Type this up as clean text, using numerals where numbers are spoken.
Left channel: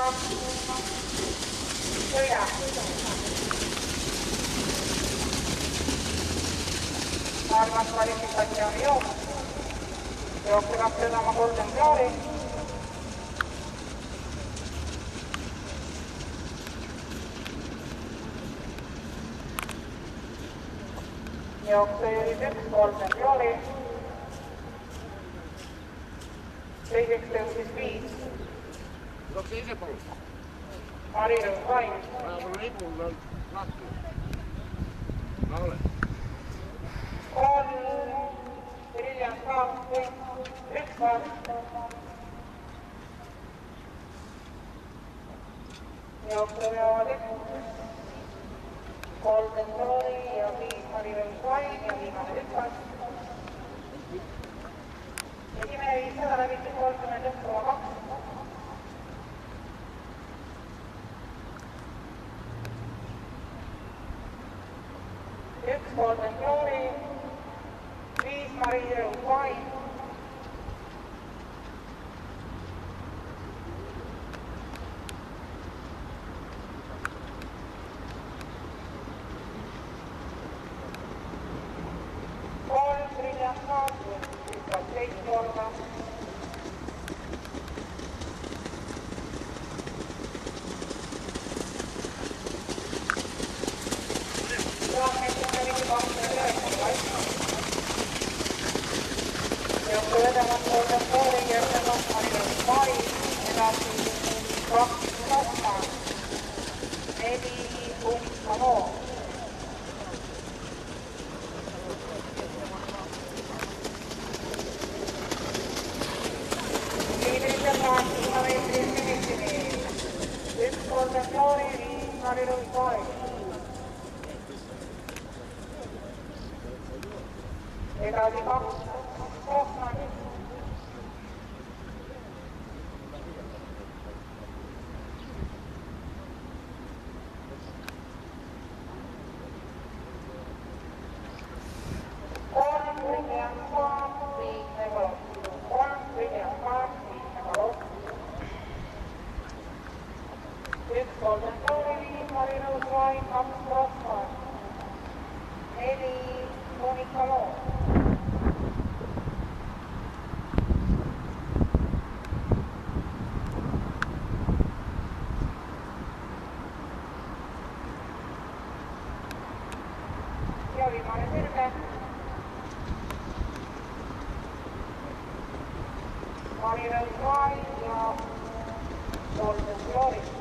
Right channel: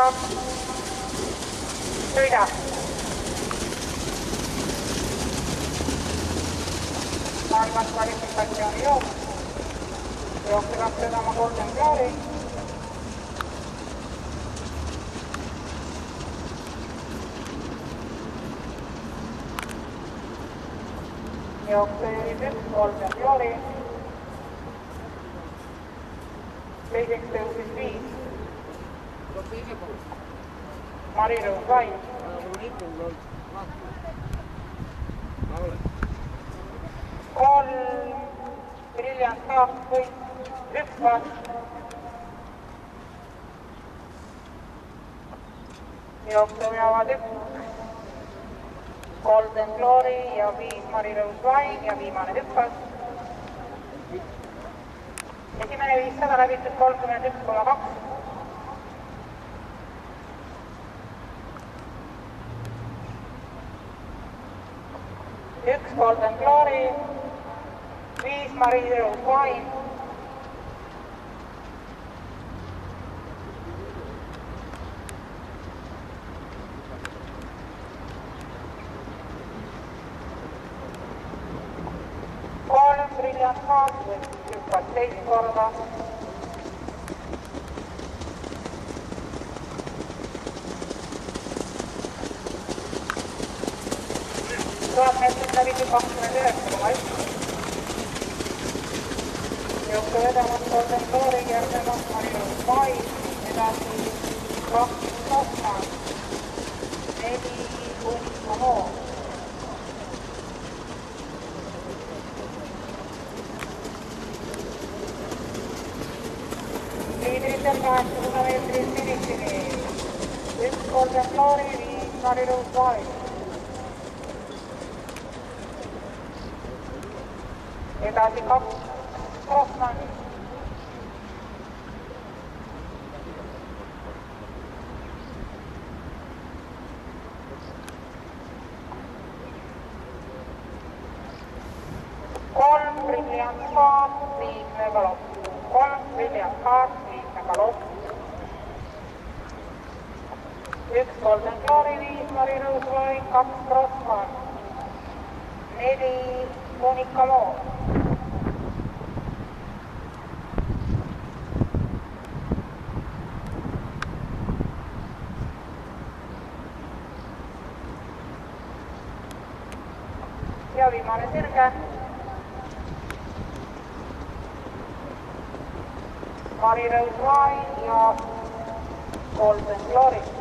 kaks, sõida. Maailmas kvalifikatsiooni jooks. Jooksevad sõdama Golden Glory. Jookse juhib üks Golden Glory. Teiseks tõusis 5. Mari-Rõõs Vaim. Kolm Brilliant Heart võit, üks vast. Jooksevad üks Golden Glory ja 5 Mari-Rõõs Vaim ja viimane hüppas. Esimene 500 läbitud 31,2. Üks Golden Glory, 5 Mari-Rõõs Vaim. Kolm Brilliant Heart, hüppas teist korda. Meetrit läbitud 29,1. Jooksu vedanud Golden Glory järgnevalt Mari-Rõõs Vaim, edasi 2 Krosman, 4 Unika Moo. Liidritel 80 meetrit finishini. Üks Golden Glory, 5 Mari-Rõõs Vaim. Edasi 2 Krosman. Kolm Brilliant Heart, liigne galopp. 3 Brilliant Heart, liigne galopp. Üks Golden Glory, 5 Mari-Rõõs Vaim, 2 Krosman. 4 Unika Moo. Ja viimane sirge. Mari-Rõõs Vaim ja Golden Glory.